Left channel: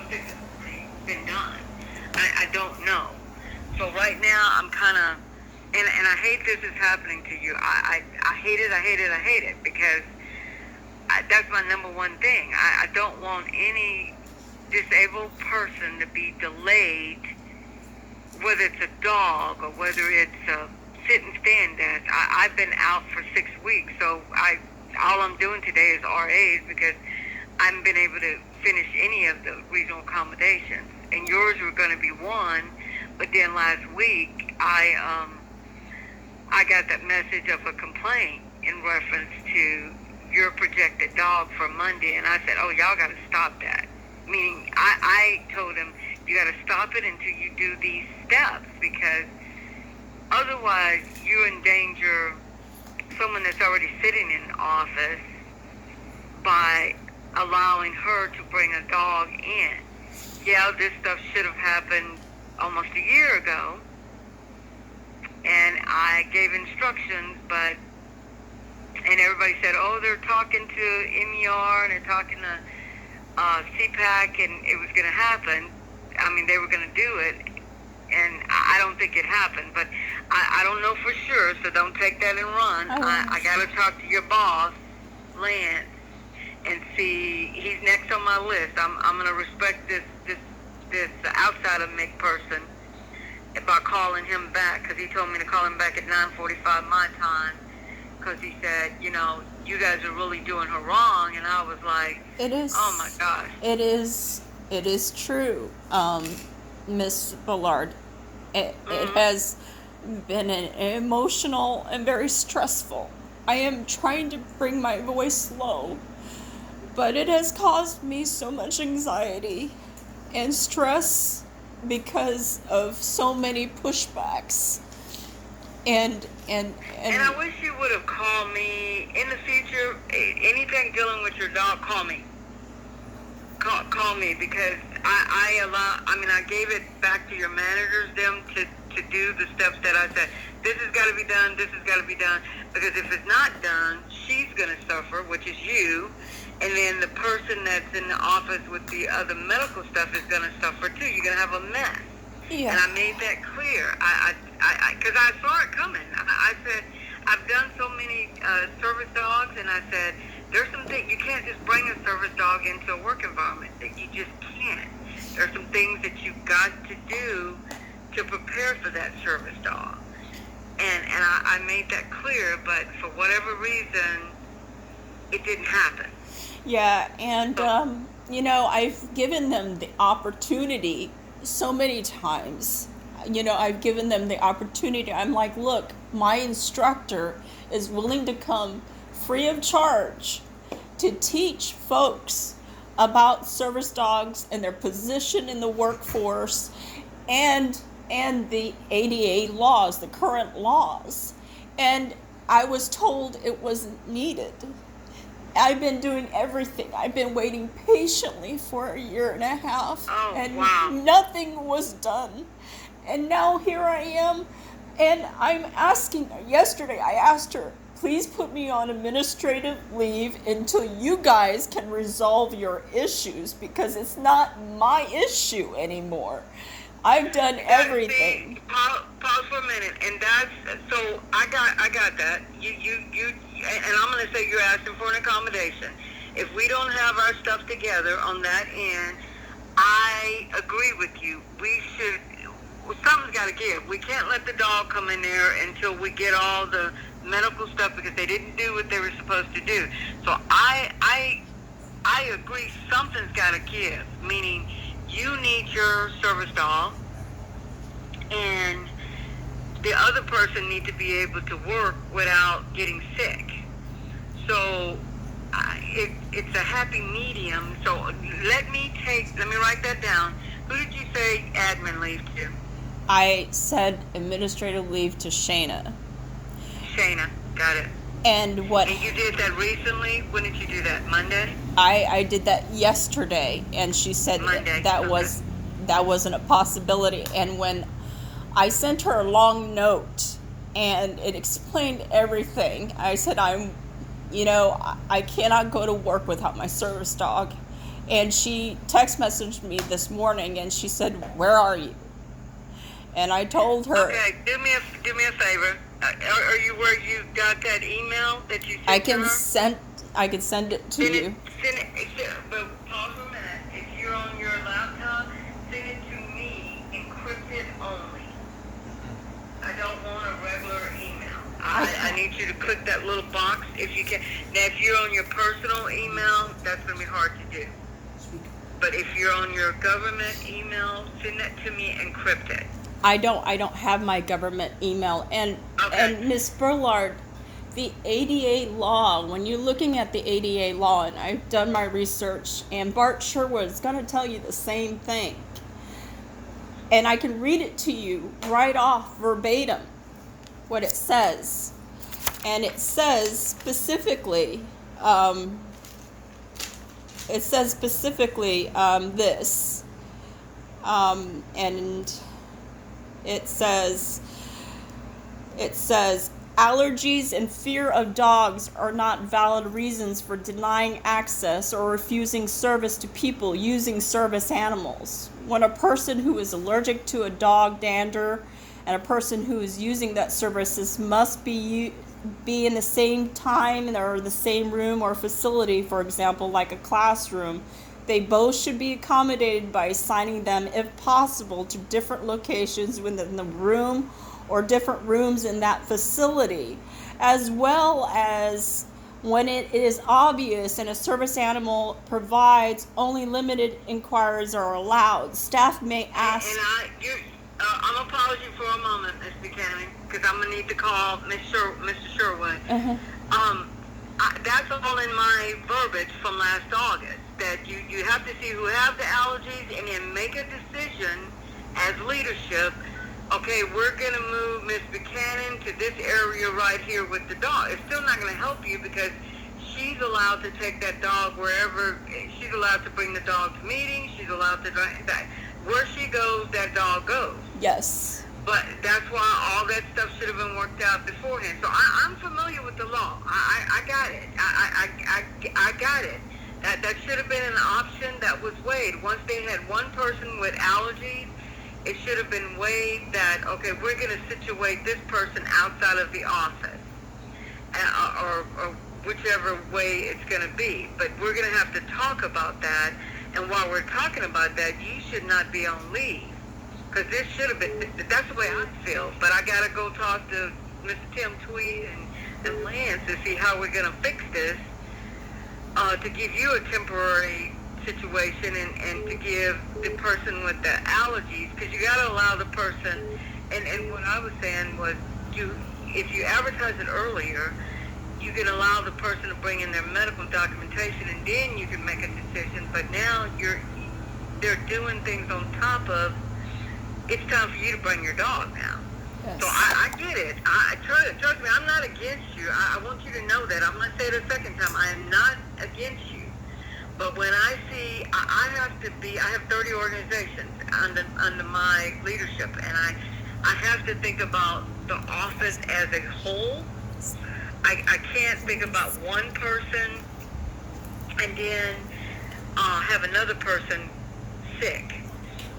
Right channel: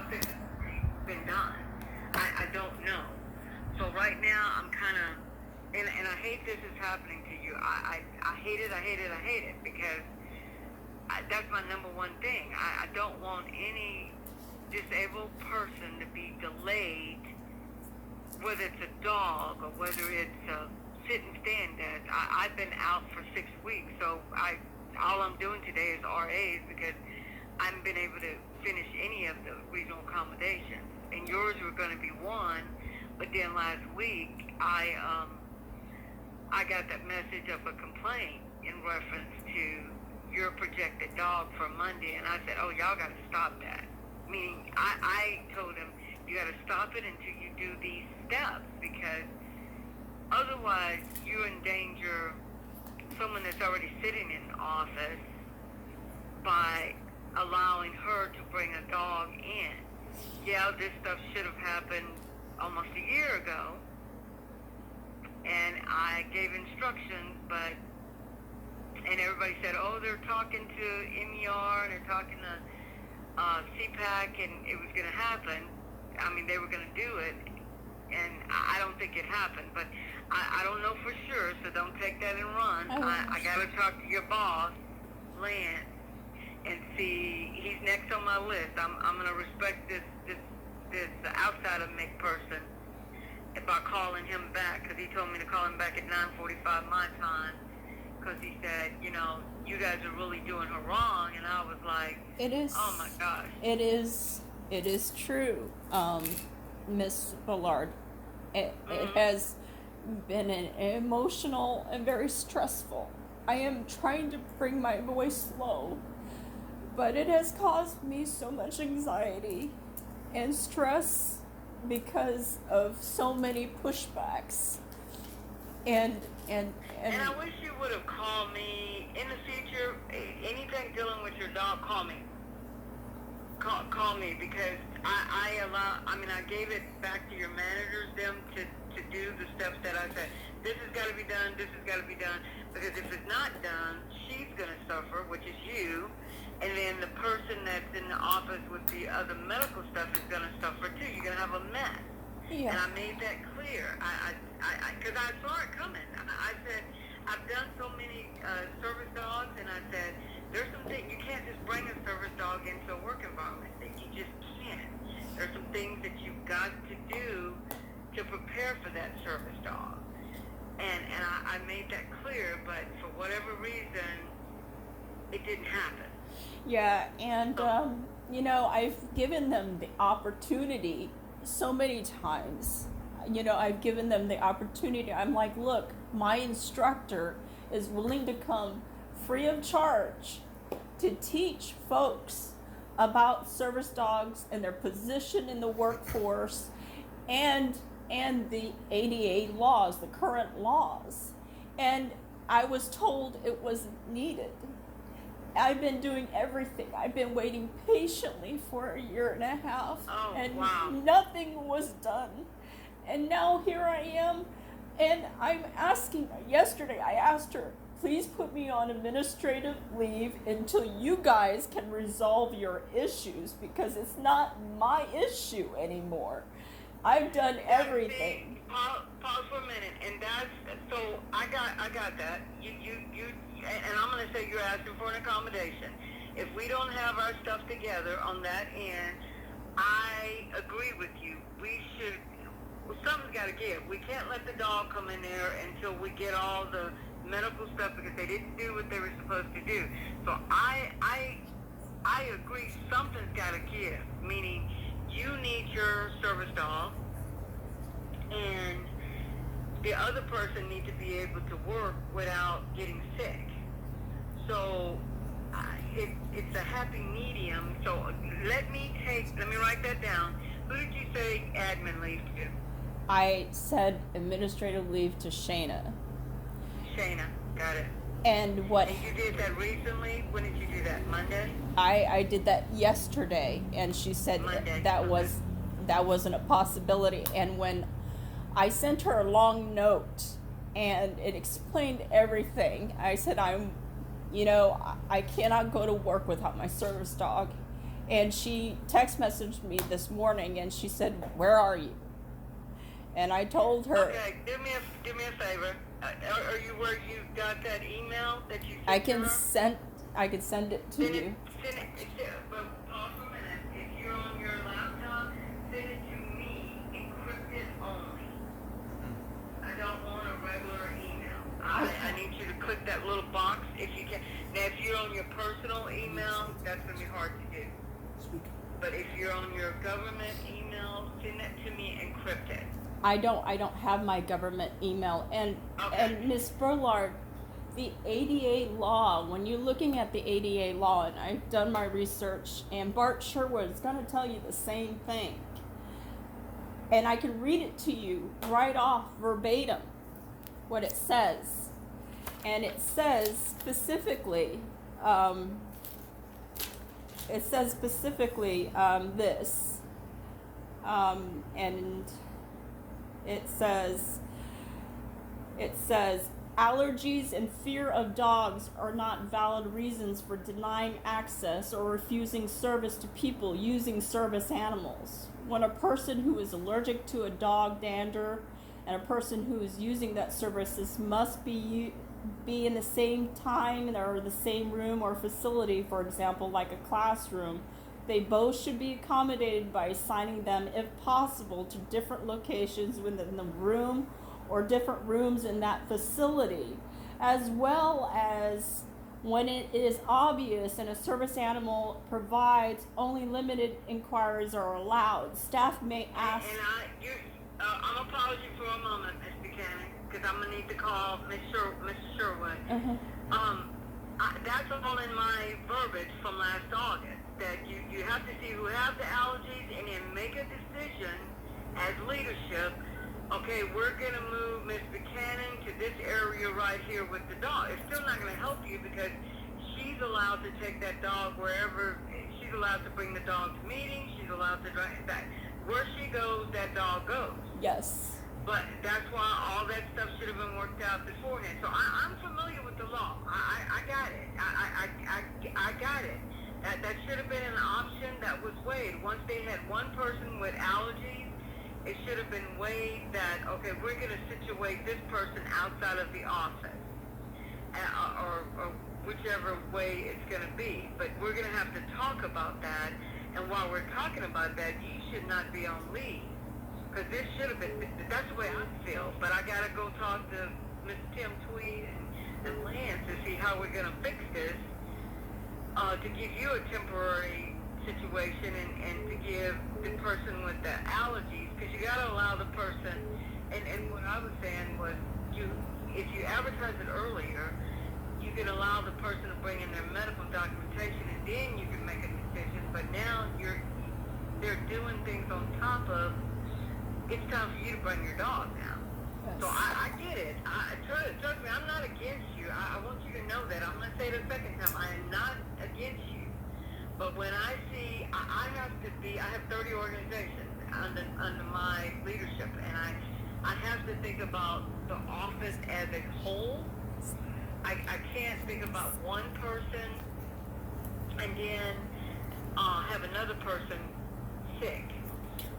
if this has been done. I don't know. So right now, I'm kind of, and I hate this is happening to you. I hate it because that's my number one thing. I don't want any disabled person to be delayed, whether it's a dog or whether it's a sit and stand desk. I've been out for 6 weeks, so all I'm doing today is RAs because I haven't been able to finish any of the regional accommodations. And yours were going to be one, but then last week I got that message of a complaint in reference to your projected dog for Monday, and I said, oh, y'all got to stop that. Meaning, I told him, you got to stop it until you do these steps, because otherwise you endanger someone that's already sitting in office by allowing her to bring a dog in. Yeah, this stuff should have happened almost a year ago, and I gave instructions, and everybody said, oh, they're talking to MER and they're talking to CPAC, and it was going to happen. I mean, they were going to do it, and I don't think it happened, but I don't know for sure, so don't take that and run. I got to talk to your boss, Lance, and see. He's next on my list. I'm going to respect this outside of Mick person by calling him back, because he told me to call him back at 9:45 my time, because he said, you guys are really doing her wrong, and I was like, it is, oh my gosh. It is true, Miss Ballard. It has been an emotional and very stressful. I am trying to bring my voice low, but it has caused me so much anxiety and stress because of so many pushbacks. And I wish you would have called me in the future. Anything dealing with your dog, call me. Call me, because I gave it back to your managers, them to do the steps that I said. This has got to be done. This has got to be done. Because if it's not done, she's going to suffer, which is you. And then the person that's in the office with the other medical stuff is going to suffer too. You're going to have a mess. Yeah. And I made that clear. Because I saw it coming. I said, I've done so many service dogs, and I said, there's some things, you can't just bring a service dog into a work environment. You just can't. There's some things that you've got to do to prepare for that service dog. And I made that clear, but for whatever reason, it didn't happen. Yeah, and, I've given them the opportunity so many times. I've given them the opportunity. I'm like, look, my instructor is willing to come free of charge to teach folks about service dogs and their position in the workforce and the ADA laws, the current laws. And I was told it wasn't needed. I've been doing everything. I've been waiting patiently for a year and a half, nothing was done. And now here I am, and I'm asking her. Yesterday I asked her, please put me on administrative leave until you guys can resolve your issues, because it's not my issue anymore. I've done everything. Pause for a minute, and so I got that. You, and I'm going to say you're asking for an accommodation. If we don't have our stuff together on that end, I agree with you. We should. Something's got to give. We can't let the dog come in there until we get all the medical stuff, because they didn't do what they were supposed to do. So I agree. Something's got to give. Meaning, you need your service dog, and the other person needs to be able to work without getting sick. So it's a happy medium. So let me write that down. Who did you say admin leave to? I said administrative leave to Shayna. Shayna, got it. And you did that recently? When did you do that? Monday? I did that yesterday, and she said that wasn't a possibility. And when I sent her a long note and it explained everything, I said I cannot go to work without my service dog, And she text messaged me this morning and she said, "Where are you?" And I told her, Okay, do me a favor. Are you where you got that email that you I sent to can her? send I can send it to you. But pause for a minute. If you're on your laptop, send it to me, encrypted only. I don't want a regular email. I need you to click that little box if you can. Now, if you're on your personal email, that's going to be hard to do. But if you're on your government email, send that to me encrypted. I don't have my government email. And Miss Burlard, the ADA law, when you're looking at the ADA law, and I've done my research, and Bart Sherwood is going to tell you the same thing. And I can read it to you right off verbatim what it says. And it says specifically, this. And it says allergies and fear of dogs are not valid reasons for denying access or refusing service to people using service animals. When a person who is allergic to a dog dander and a person who is using that services must be in the same time or the same room or facility, for example, like a classroom, they both should be accommodated by assigning them, if possible, to different locations within the room or different rooms in that facility, as well as when it is obvious and a service animal provides, only limited inquiries are allowed. Staff may ask. I'm gonna pause you for a moment, Miss Buchanan, because I'm gonna need to call Mr. Sherwood. That's all in my verbiage from last August. That you have to see who have the allergies and then make a decision as leadership. Okay, we're going to move Miss Buchanan to this area right here with the dog. It's still not going to help you because she's allowed to take that dog wherever. She's allowed to bring the dog to meetings. She's allowed to where she goes, that dog goes. Yes. But that's why all that stuff should have been worked out beforehand. So I'm familiar with the law. I got it. I got it. That should have been an option that was weighed. Once they had one person with allergies, it should have been weighed that, okay, we're going to situate this person outside of the office, or whichever way it's going to be. But we're going to have to talk about that. And while we're talking about that, you should not be on leave. Because this should have been, that's the way I feel. But I got to go talk to Mr. Tim Tweed and Lance to see how we're going to fix this, to give you a temporary situation and to give the person with the allergies, because you got to allow the person, and what I was saying was, if you advertise it earlier, you can allow the person to bring in their medical documentation, and then you can make a decision. But now they're doing things on top of, it's time for you to bring your dog now. Yes. So I get it. Trust me, I'm not against you. I want you to know that. I'm going to say it a second time. I am not against you. But when I see, I have 30 organizations under my leadership, and I have to think about the office as a whole. I can't think about one person and then have another person sick.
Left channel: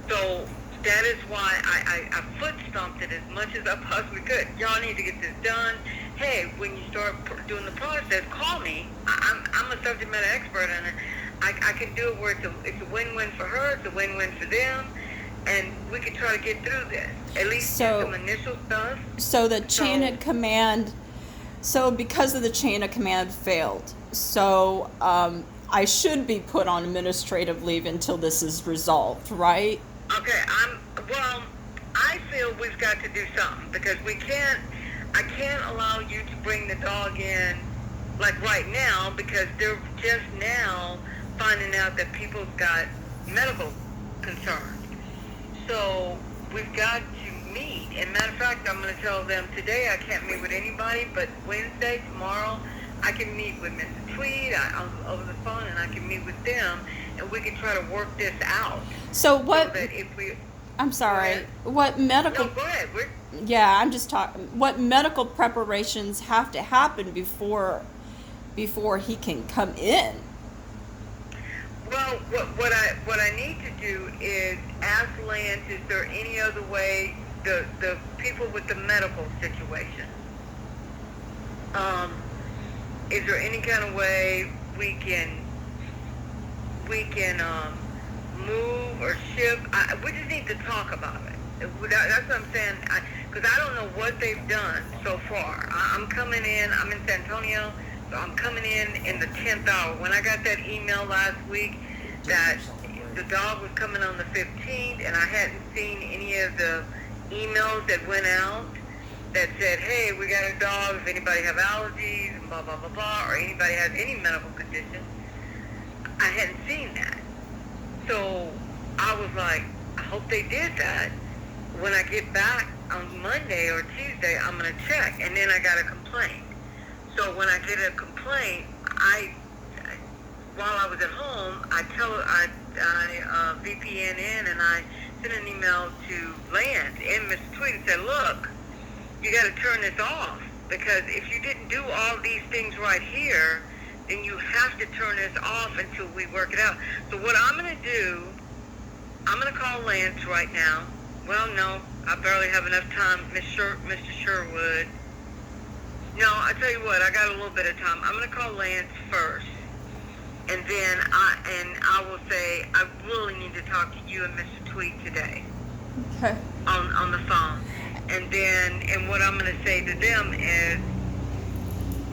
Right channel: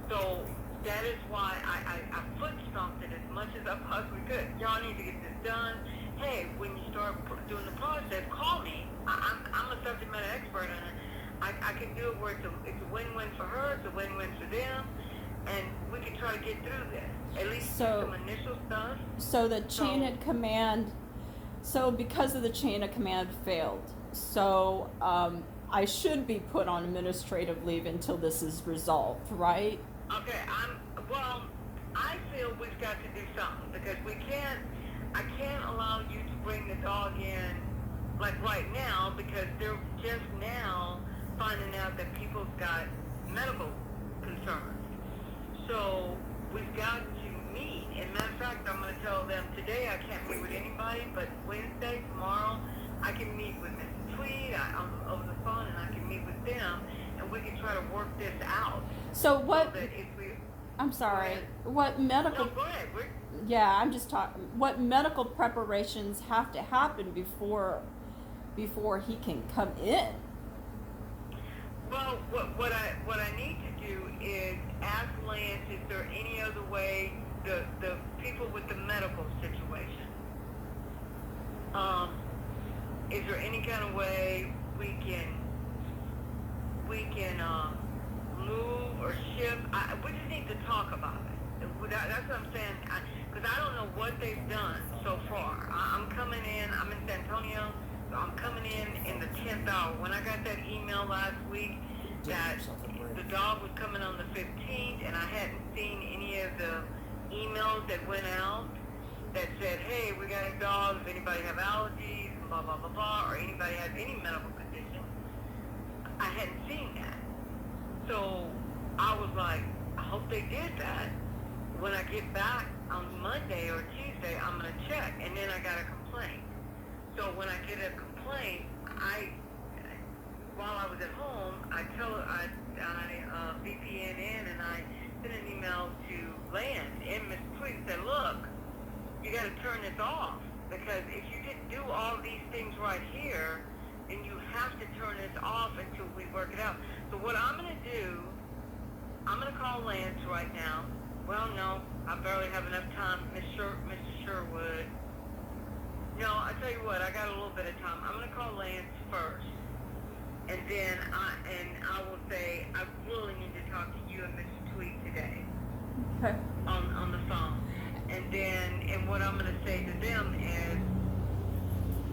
So that is why I foot stomped it as much as I possibly could. Y'all need to get this done. Hey, when you start doing the process, call me. I'm a subject matter expert on it. I can do it where it's a win-win for her, it's a win-win for them, and we can try to get through this. At least do some initial stuff. So the chain of command, because of the chain of command failed, I should be put on administrative leave until this is resolved, right? Okay, I feel we've got to do something, because I can't allow you to bring the dog in like right now, because they're just now finding out that people's got medical concerns. So we've got to meet. And matter of fact, I'm going to tell them today I can't meet with anybody, but Wednesday, tomorrow, I can meet with Mr. Tweed over the phone, and I can meet with them, and we can try to work this out. So what? So that if we, I'm sorry. What medical? No, go ahead. Yeah, I'm just talking. What medical preparations have to happen before he can come in? Well, what I need to do is ask Lance, is there any other way, the people with the medical situation, is there any kind of way we can move or shift? We just need to talk about it. That's what I'm saying, because I don't know what they've done so far. I'm coming in, I'm in San Antonio, so I'm coming in the 10th hour. When I got that email last week that the dog was coming on the 15th, and I hadn't seen any of the emails that went out that said, hey, we got a dog, if anybody have allergies, and blah, blah, blah, blah, or anybody has any medical condition, I hadn't seen that. So I was like, I hope they did that. When I get back on Monday or Tuesday, I'm going to check. And then I got a complaint. So when I get a complaint, while I was at home, I VPN in, and I sent an email to Lance and Mr. Tweet and said, look, you got to turn this off, because if you didn't do all these things right here, then you have to turn this off until we work it out. So what I'm going to do, I'm going to call Lance right now. Well, no, I barely have enough time, Mr. Sherwood. No, I tell you what, I got a little bit of time. I'm going to call Lance first, and then I will say I really need to talk to you and Mr. Tweet today. Okay. On the phone, and what I'm going to say to them is,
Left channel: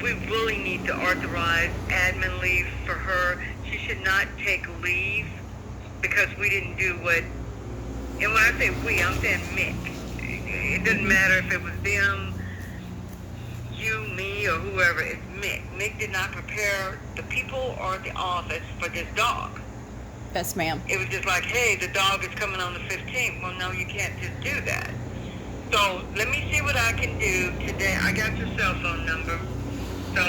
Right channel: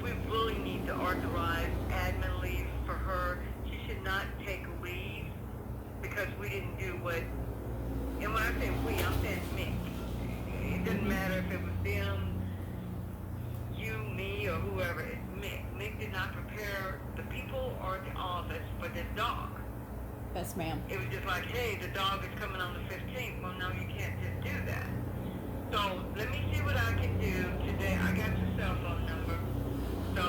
we really need to authorize admin leave for her. She should not take leave because we didn't do what. And when I say we, I'm saying Mick. It doesn't matter if it was them, you, me, or whoever. It's Mick. Mick did not prepare the people or the office for this dog. Yes, ma'am. It was just like, hey, the dog is coming on the 15th. Well, no, you can't just do that. So let me see what I can do today. I got your cell phone number. So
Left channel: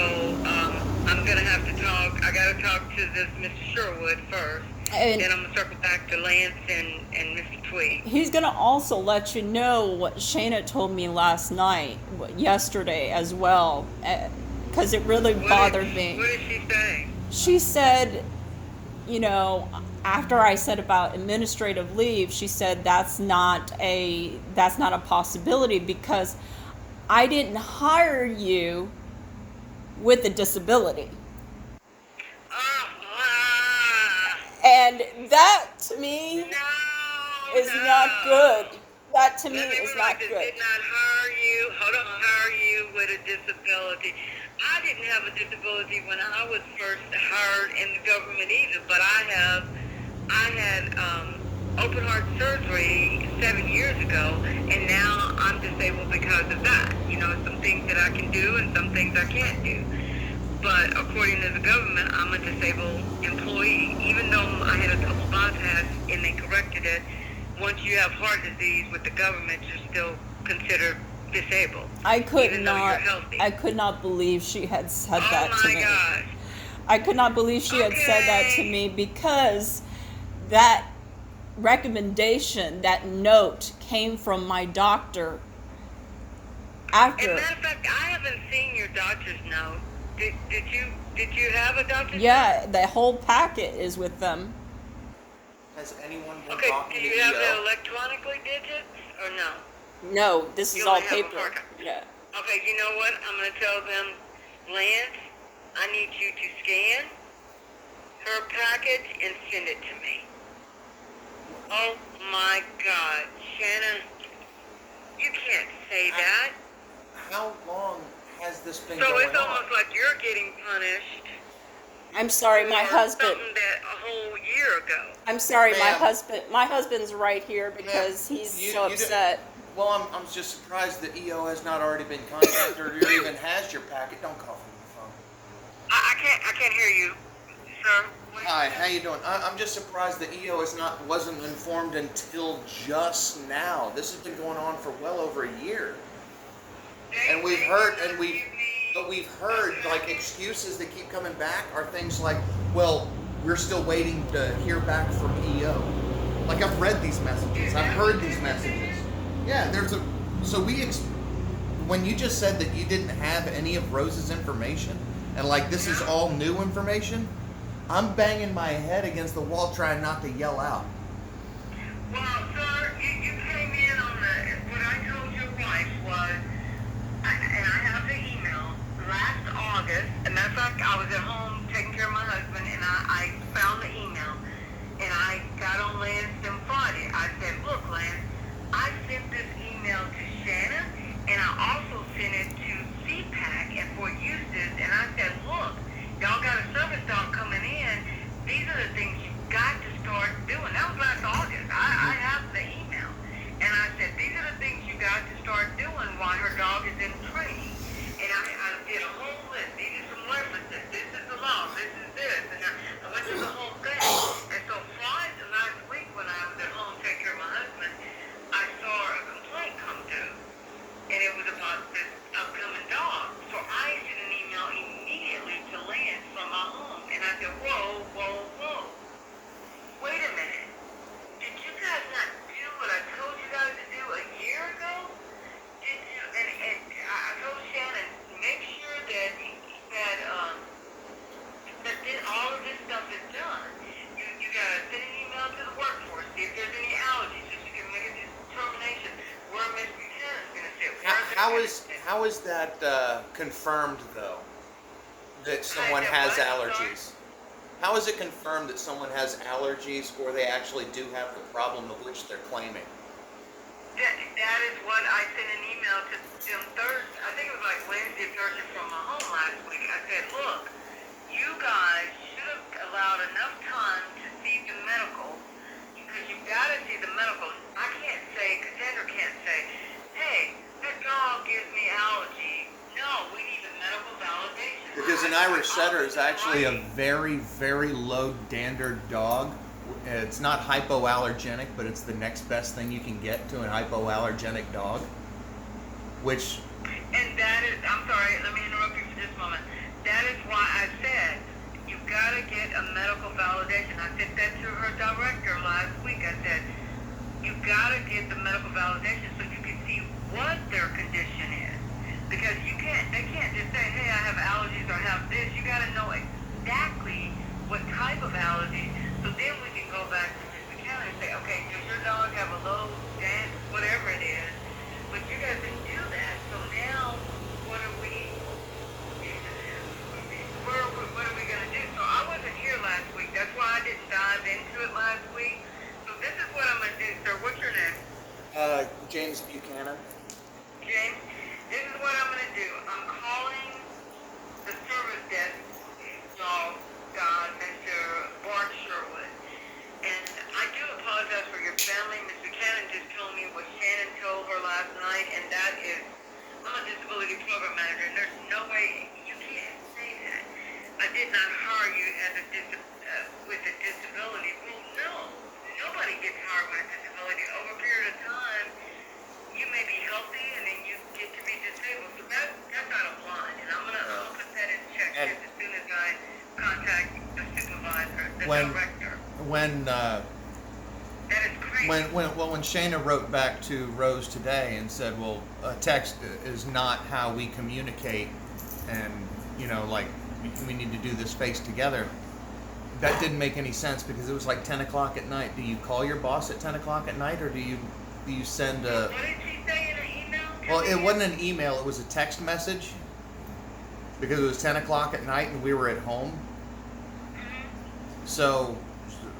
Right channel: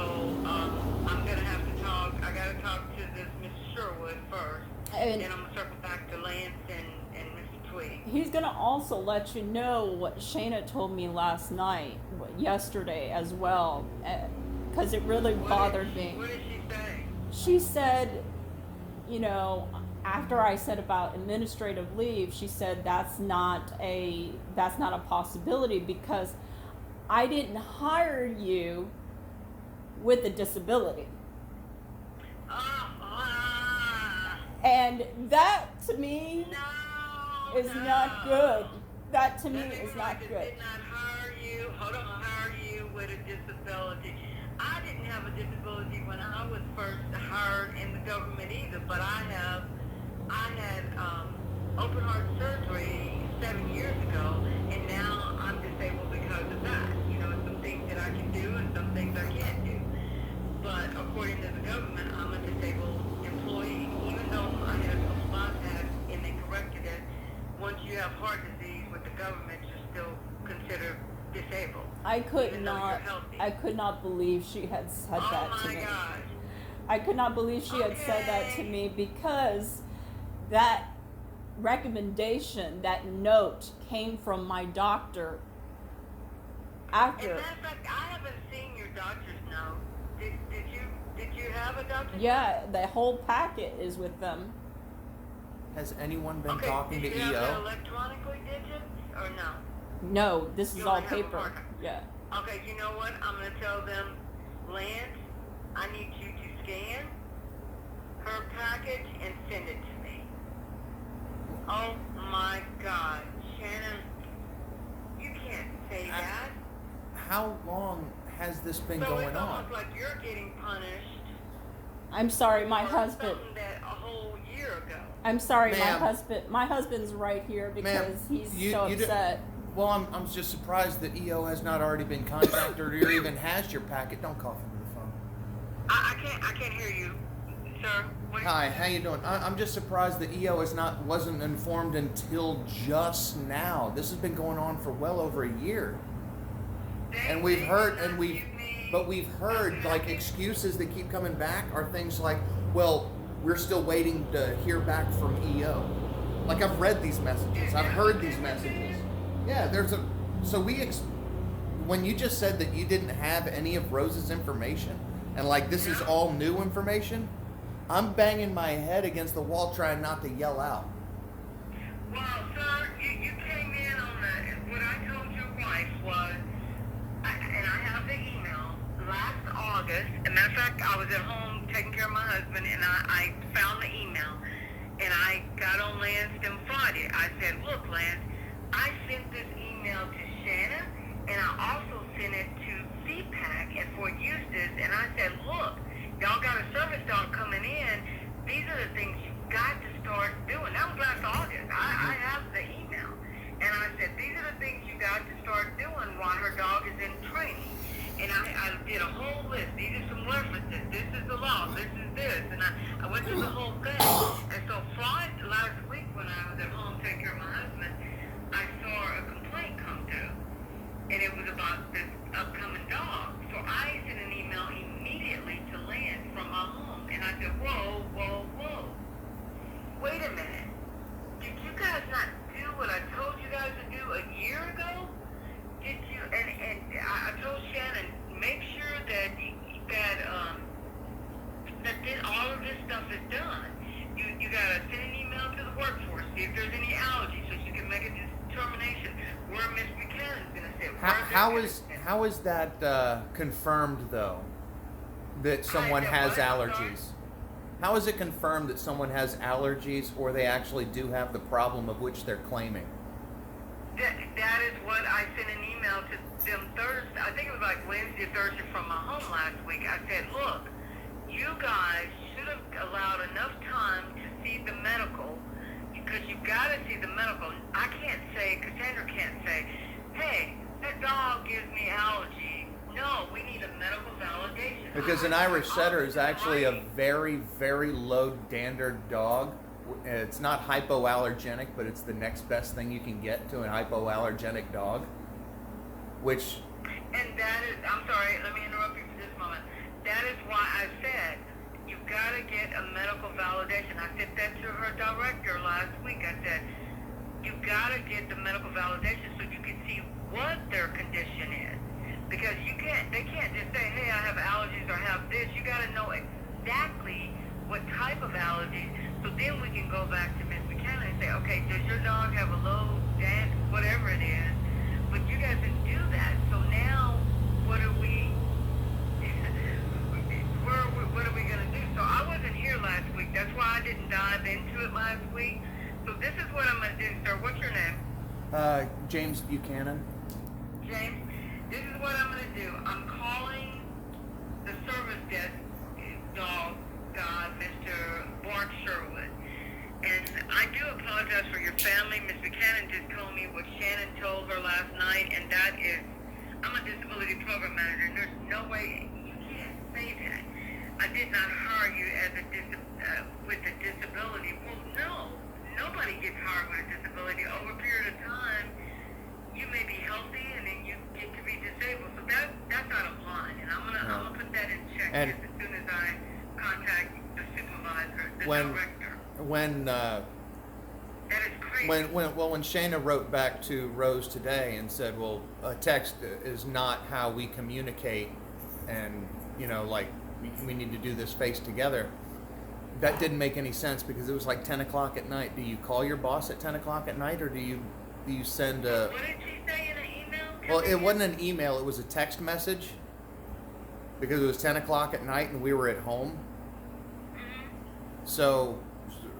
I'm going to have to talk. I got to talk to this Mr. Sherwood first. And then I'm going to circle back to Lance and Mr. Tweed. He's going to also let you know what Shayna told me last night, yesterday as well, because it really bothered me. What did she say? She said, you know, after I said about administrative leave, she said that's not a possibility because I didn't hire you with a disability. And that to me is not good. That to me is not good. Did not hire you. Hire you with a disability. I didn't have a disability when I was first hired in the government either, but I had open heart surgery 7 years ago, and now I'm disabled because of that. You know, some things that I can do and some things I can't do. But according to the government, I'm a disabled employee, even though I had a couple bypass and they corrected it. Once you have heart disease with the government, you're still considered disabled. I could not believe she had said that to me. Oh my gosh. I could not believe she had said that to me because that recommendation, that note came from my doctor after. As a matter of fact, I haven't seen your doctor's note. Did you have a doctor's note? Yeah, the whole packet is with them. Has anyone been talking to EEO? Did you have the electronically digits or no? No, this is all paper. Yeah. Okay, you know what? I'm going to tell them, Lance, I need you to scan her package and send it to me. Oh my God, Shannon, you can't say that. How long has this been so going on? it's almost like you're getting punished. I'm sorry, my husband. Something that a whole year ago. I'm sorry, Ma'am. My husband's right here because he's so upset. Well, I'm just surprised that EO has not already been contacted or even has your packet. Don't call from the phone. I can't hear you, sir. Hi, how you doing? I'm just surprised that EO wasn't informed until just now. This has been going on for well over a year, and we've heard like excuses that keep coming back are things like, well, we're still waiting to hear back from EO. Like I've read these messages, I've heard these messages. Yeah, when you just said that you didn't have any of Rose's information and like this is all new information. I'm banging my head against the wall trying not to yell out. Well, sir, you came in on what I told your wife was, and I have the email, last August. As a matter of fact, I was at home taking care of my husband, and I found the email, and I got on Lanston Friday. I said, look, Lance, I sent this email to Shannon, and I also sent it to CPAC and for Eustis, and I said, look, y'all got a service dog coming in. These are the things you got to start doing. That was last August. I have the email. And I said, these are the things you got to start doing while her dog is in training. And I did a whole list. These are some references. This is the law. This is this. And I went through the whole thing. And so Friday, last week when I was at home taking care of my husband, I saw a complaint come through. And it was about this upcoming dog. So I sent an email immediately to Lance from my home. And I said, whoa, whoa, whoa. Wait a minute. Did you guys not do what I told you guys to do a year ago? Did you? And I told Shannon, make sure that that all of this stuff is done. You gotta send an email to the workforce, see if there's any allergies, so you can make a determination where Miss Buchanan's gonna sit. How is that confirmed though? That someone has allergies? How is it confirmed that someone has allergies or they actually do have the problem of which they're claiming? That is what I sent an email to them Thursday. I think it was like Wednesday, Thursday from my home last week. I said, look, you guys should have allowed enough time to see the medical because you've got to see the medical. I can't say, Cassandra can't say, hey, that dog gives me allergy. No, we need a medical validation. Because an Irish setter is actually a very, very low dander dog. It's not hypoallergenic, but it's the next best thing you can get to an hypoallergenic dog. Which... And that is, I'm sorry, let me interrupt you for just a moment. That is why I said, you've got to get a medical validation. I said that to her director last week. I said, you've got to get the medical validation so you can see what their condition is. Because they can't just say, hey, I have allergies or I have this. You got to know exactly what type of allergies. So then we can go back to Ms. Buchanan and say, okay, does your dog have a low dance, whatever it is? But you guys didn't do that. So now, what are we going to do? So I wasn't here last week. That's why I didn't dive into it last week. So this is what I'm going to do, sir. What's your name? James Buchanan. James, this is what I'm going to do. I'm calling the service desk dog god, Mr. Bart Sherwood. And I do apologize for your family. Ms. Buchanan just told me what Shannon told her last night, and that is, I'm a disability program manager, and there's no way you can't say that. I did not hire you as with a disability. Well, no. Nobody gets hired with a disability. Over a period of time, you may be healthy, and then you get to be disabled. So that's not a blind, and I'm gonna put that in check as soon as I contact the supervisor, the director. That is crazy. When Shayna wrote back to Rose today and said, well, a text is not how we communicate, and like we need to do this face together. That didn't make any sense because it was like 10 o'clock at night. Do you call your boss at 10 o'clock at night, or do you send a... What did she say in an email? Well, it wasn't an email. It was a text message because it was 10 o'clock at night and we were at home. Mm-hmm. So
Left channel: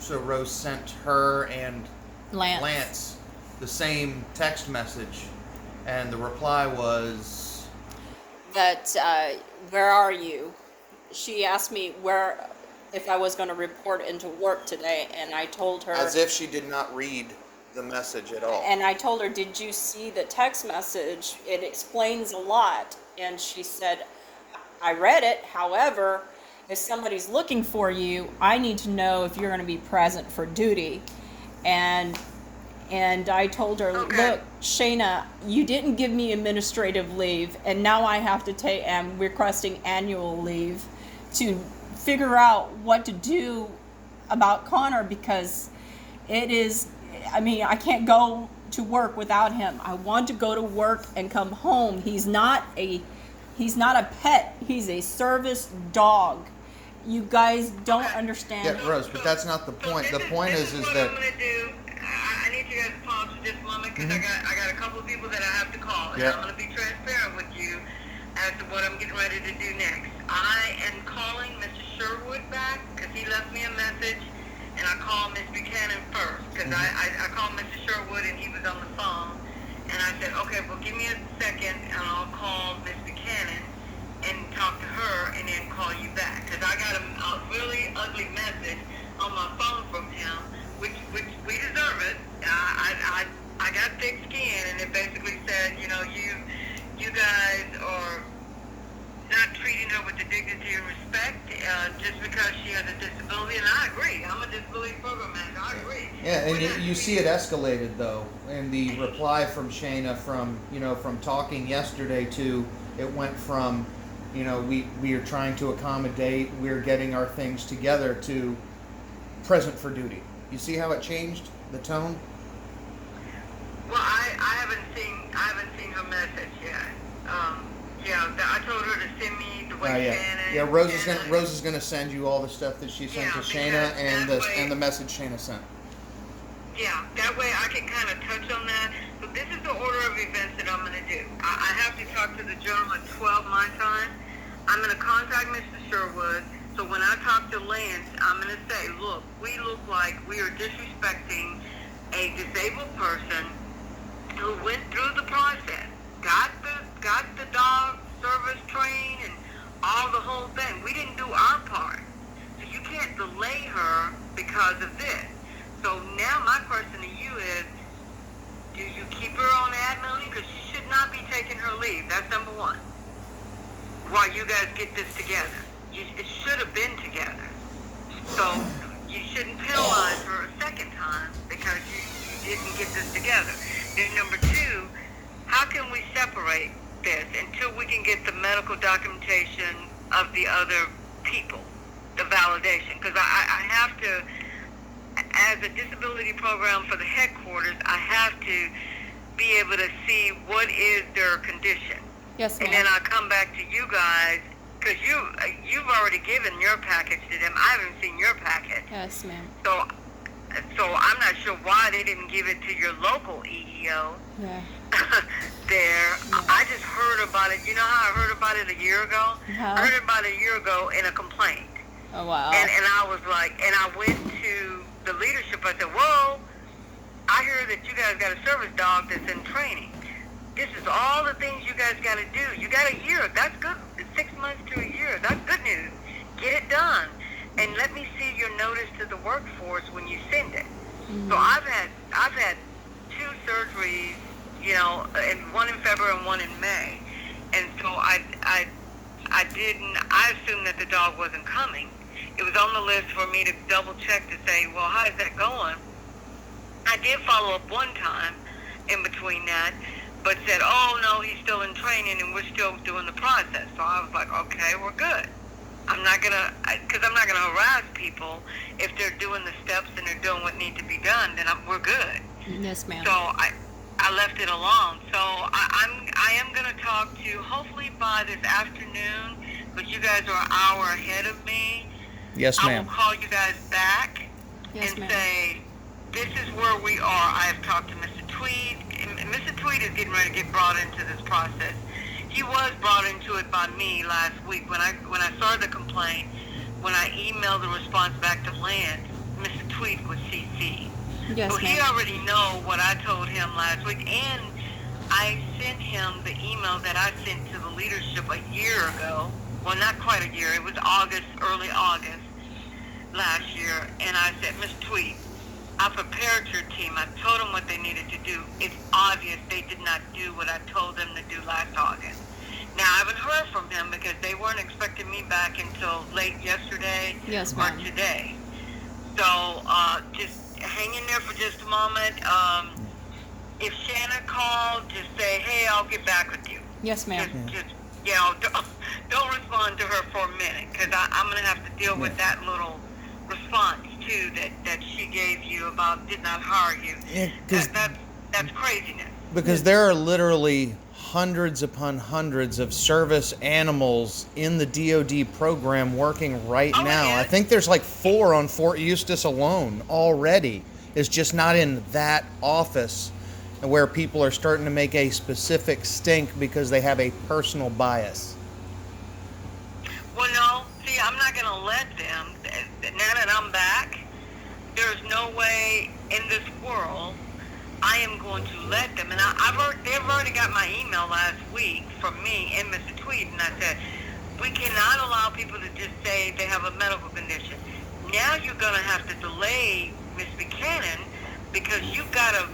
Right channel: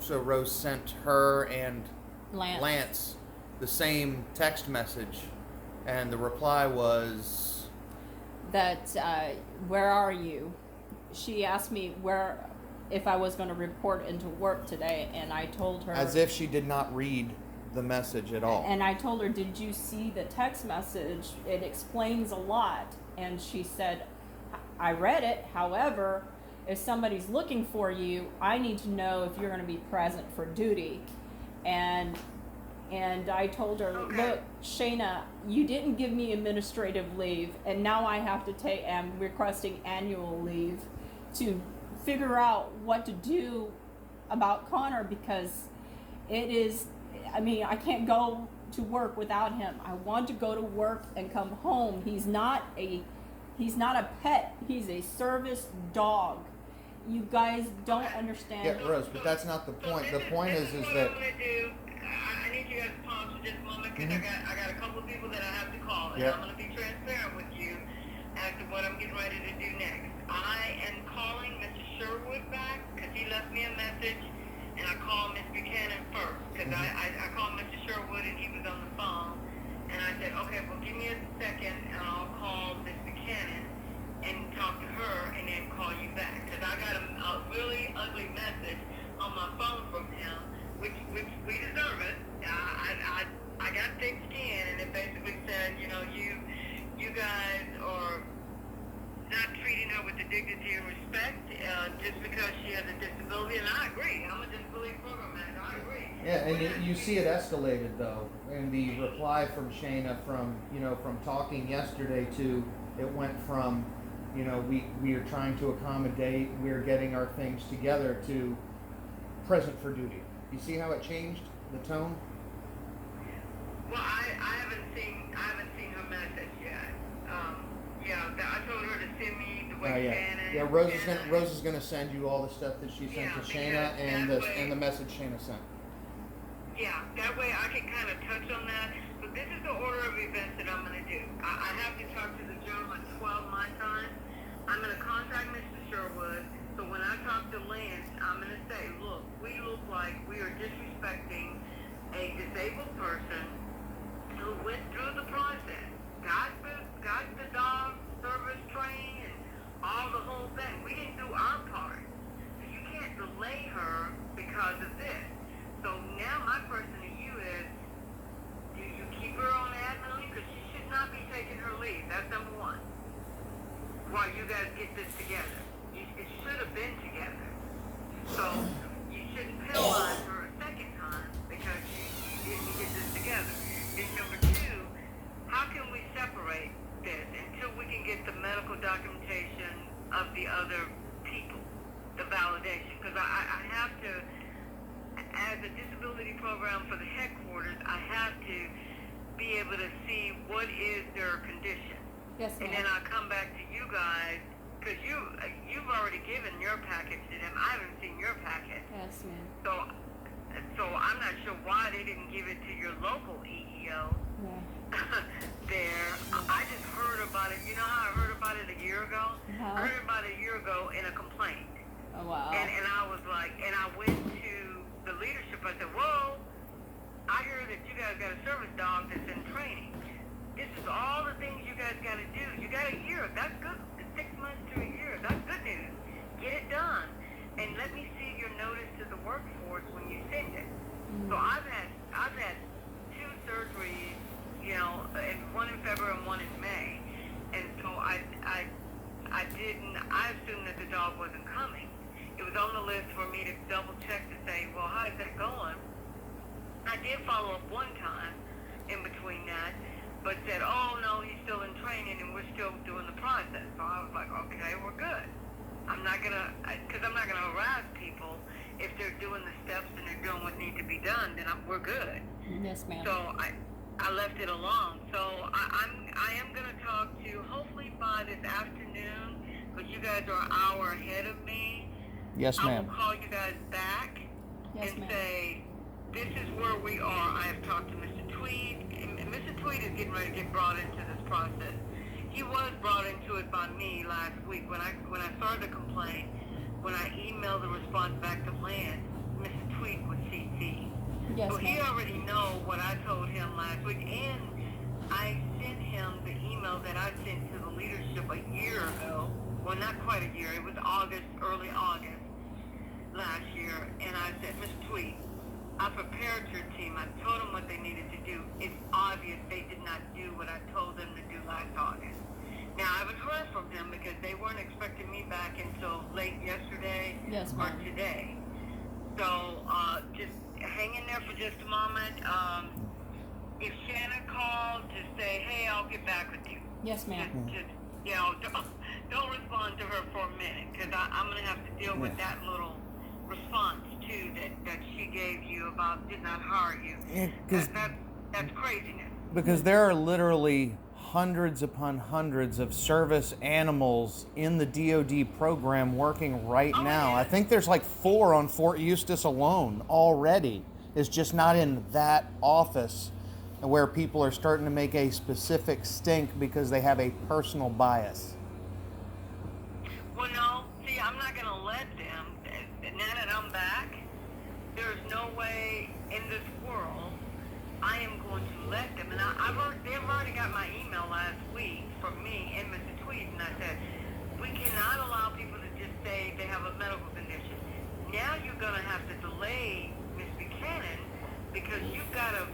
Rose sent her and Lance the same text message, and the reply was that where are you? She asked me if I was going to report into work today, and I told her, as if she did not read the message at all. And I told her, did you see the text message? It explains a lot. And she said, I read it. However, if somebody's looking for you, I need to know if you're going to be present for duty. And I told her, look, Shayna, you didn't give me administrative leave, and now I have to am requesting annual leave to figure out what to do about Connor, because I can't go to work without him. I want to go to work and come home. He's not a pet. He's a service dog. You guys don't understand. Yeah, Rose, but that's not the point. The point is what that I'm gonna do. I need you guys to pause for just a moment because I got a couple of people that I have to call, and Yeah. I'm gonna be transparent with you as to what I'm getting ready to do next. I am calling Mr. Sherwood back because he left me a message, and I called Ms. Buchanan first because I called Mr. Sherwood and he was on the phone, and I said, okay, well give me a second and I'll call Ms. Buchanan and talk to her and then call you back because I got a really ugly message on my phone from him, which we deserve it. I got thick skin, and it basically said, you guys are not treating her with the dignity and respect just because she has a disability, and I agree. I'm a disability program manager. I agree. yeah, and you see it escalated though, and the reply from Shayna from talking yesterday to it went from we are trying to accommodate, we're getting our things together to present for duty. You see how it changed the tone? Well, I haven't seen her message yet. I told her to send me the way Shannon. Yeah, Rose is gonna send you all the stuff that she sent to Shayna and the message Shayna sent. Yeah, that way I can kind of touch on that. So this is the order of events that I'm going to do. I have to talk to the general at 12 my time. I'm going to contact Mr. Sherwood. So when I talk to Lance, I'm going to say, look, we look like we are disrespecting a disabled person who went through the process, got the dog service trained and all the whole thing. We didn't do our part. So you can't delay her because of this. So now my question to you is, do you keep her on admin leave? Because she should not be taking her leave. That's number one. While you guys get this together. It should have been together. So you shouldn't penalize her a second time because you didn't get this together. Then number two, how can we separate this until we can get the medical documentation of the other people, the validation? Because I have to, as a disability program for the headquarters, I have to be able to see what is their condition. Yes, ma'am. And then I come back to you guys, because you've already given your package to them. I haven't seen your package. Yes, ma'am. So I'm not sure why they didn't give it to your local EEO. Yeah. There. Yeah. I just heard about it. You know how I heard about it a year ago? Uh-huh. I heard about it a year ago in a complaint. Oh, wow. And I was like, and I went to the leadership. I said, whoa, I hear that you guys got a service dog that's in training. This is all the things you guys got to do. You got a year. That's good. 6 months to a year. That's good news. Get it done. And let me see your notice to the workforce when you send it. Mm-hmm. So I've had 2 surgeries, and one in February and one in May. And so I assumed that the dog wasn't coming. It was on the list for me to double check to say, well, how is that going? I did follow up one time in between that, but said, oh, no, he's still in training and we're still doing the process. So I was like, okay, we're good. I'm not going to harass people. If they're doing the steps and they're doing what needs to be done, then we're good. Yes, ma'am. So I left it alone. So I am going to talk to, hopefully by this afternoon, but you guys are an hour ahead of me. Yes, ma'am. I will call you guys back Yes, and ma'am. say, this is where we are. I have talked to Mr. Tweed. And Mr. Tweed is getting ready to get brought into this process. He was brought into it by me last week when I started the complaint. When I emailed the response back to Lance, Mr. Tweed was CC. Yes, So he ma'am. already know what I told him last week, and I sent him the email that I sent to the leadership a year ago. Well, not quite a year. It was August, early August last year, and I said, Mr. Tweed, I prepared your team. I told them what they needed to do. It's obvious they did not do what I told them to do last August. Now, I haven't heard from them because they weren't expecting me back until late yesterday Yes, or ma'am. today. So just hang in there for just a moment. If Shanna called, just say, hey, I'll get back with you. Yes, ma'am. Don't respond to her for a minute because I'm going to have to deal with that little response too that she gave you about did not hire you. Yeah, That's craziness. Because there are literally hundreds upon hundreds of service animals in the DoD program working right Oh, now. yeah. I think there's like 4 on Fort Eustis alone already. It's just not in that office where people are starting to make a specific stink because they have a personal bias. Well, no. See, I'm not going to let them. Now that I'm back, there's no way in this world I am going to let them. And they've already got my email last week from me and Mr. Tweed, and I said, we cannot allow people to just say they have a medical condition. Now you're going to have to delay Ms. Buchanan because you've got to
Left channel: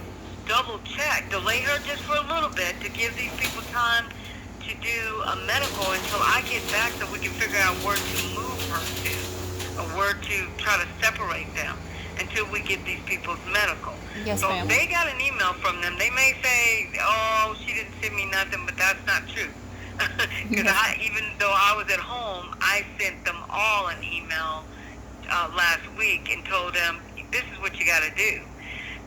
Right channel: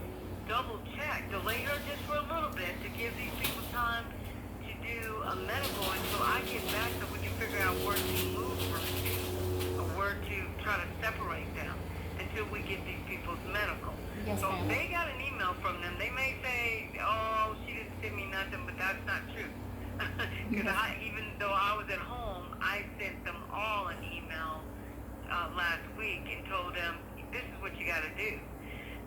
double check, delay her just for a little bit to give these people time to do a medical until I get back so we can figure out where to move her to, or where to try to separate them until we get these people's medical. Yes, So ma'am. they got an email from them. They may say, oh, she didn't send me nothing, but that's not true. Because even though I was at home, I sent them all an email last week and told them, this is what you got to do.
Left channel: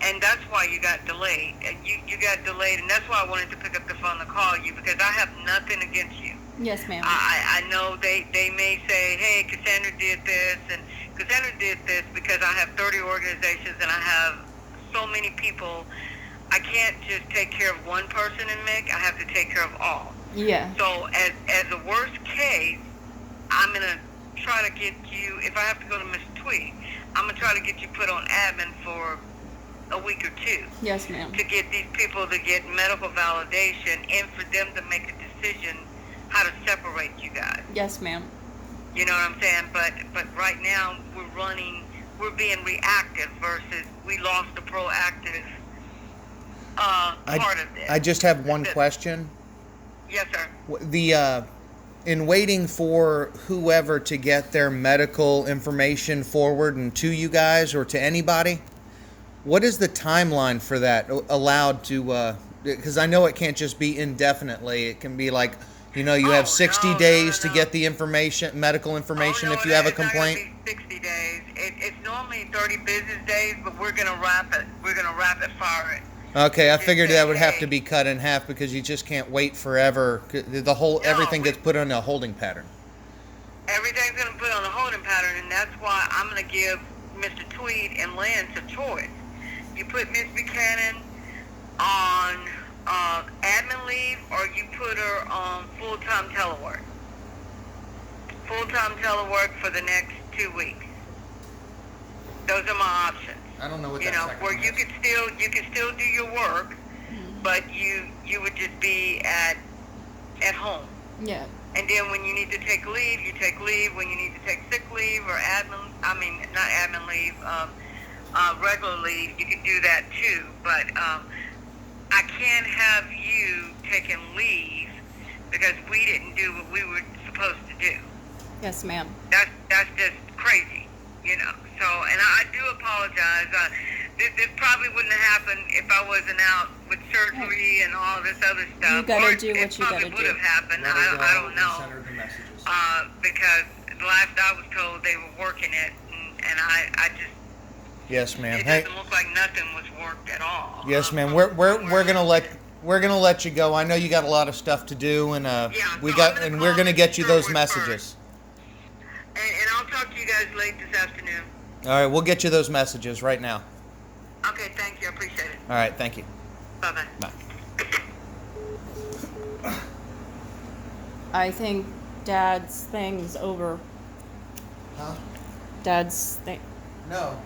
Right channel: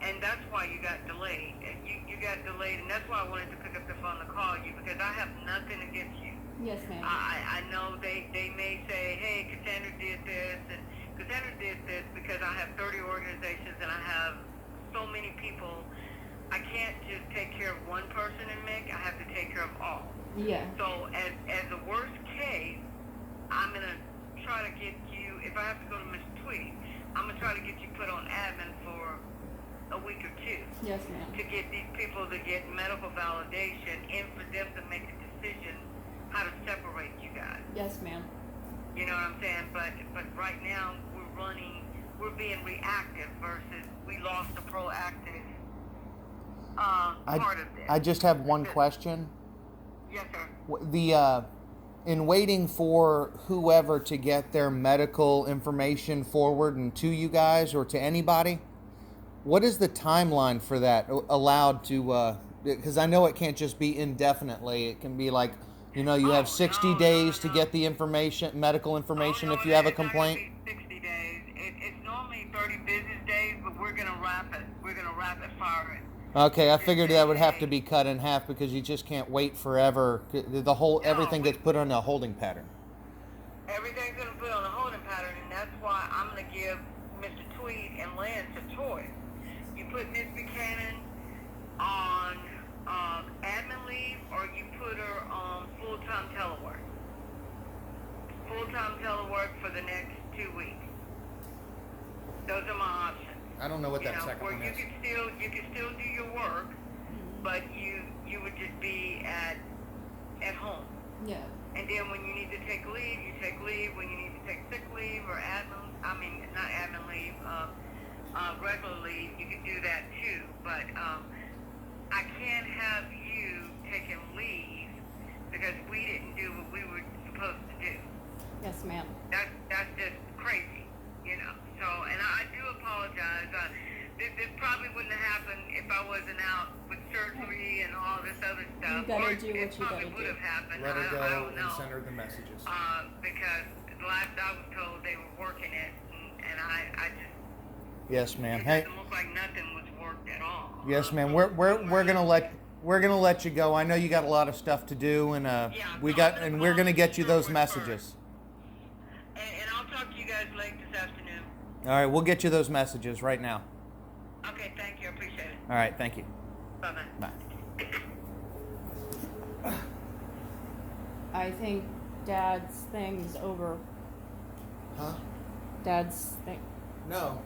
And that's why you got delayed. And you got delayed, and that's why I wanted to pick up the phone to call you, because I have nothing against you. Yes, ma'am. I know they may say, hey, Cassandra did this, and Cassandra did this because I have 30 organizations and I have so many people. I can't just take care of one person in MIC. I have to take care of all. Yeah. So as the worst case, I'm going to try to get you, if I have to go to Mr. Tweed, I'm going to try to get you put on admin for a week or 2. Yes, ma'am. To get these people to get medical validation and for them to make a decision how to separate you guys. Yes, ma'am. You know what I'm saying? But right now we're being reactive versus we lost the proactive part of this. I just have one question. Yes, sir. In waiting for whoever to get their medical information forward and to you guys or to anybody, what is the timeline for that allowed to, because I know it can't just be indefinitely. It can be like, you have 60 days to get the information, medical information if you have a complaint. It's not gonna be 60 days. It's normally 30 business days, but we're gonna wrap it. We're gonna rapid fire it. Okay, I figured that would have to be cut in half because you just can't wait forever. Everything gets put on a holding pattern. Everything's gonna put on a holding pattern, and that's why I'm gonna give Mr. Tweed and Lance a choice. You put Miss Buchanan on admin leave, or you put her on full-time telework. Full-time telework for the next 2 weeks. Those are my options. I don't know what that second where one you is. could still do your work, but you would just be at home. Yeah. And then when you need to take leave, you take leave. When you need to take sick leave or not admin leave, regular leave, you can do that too. But I can't have you taking leave because we didn't do what we were supposed to do. Yes, ma'am. That's just crazy, So, and I do apologize. This probably wouldn't have happened if I wasn't out with surgery and all this other stuff. You gotta Or do what you gotta It probably would do. have happened. Let her go I don't know. and send her the messages. Because the last I was told they were working it, and I just Yes, ma'am. it Hey, doesn't look like nothing was worked at all. yes, ma'am. We're gonna let you go. I know you got a lot of stuff to do, and we're gonna get you those messages. And I'll talk to you guys late this afternoon. All right, we'll get you those messages right now. Okay, thank you. I appreciate it. All right, thank you. Bye-bye. Bye. I think Dad's thing's over. Huh? Dad's thing. No.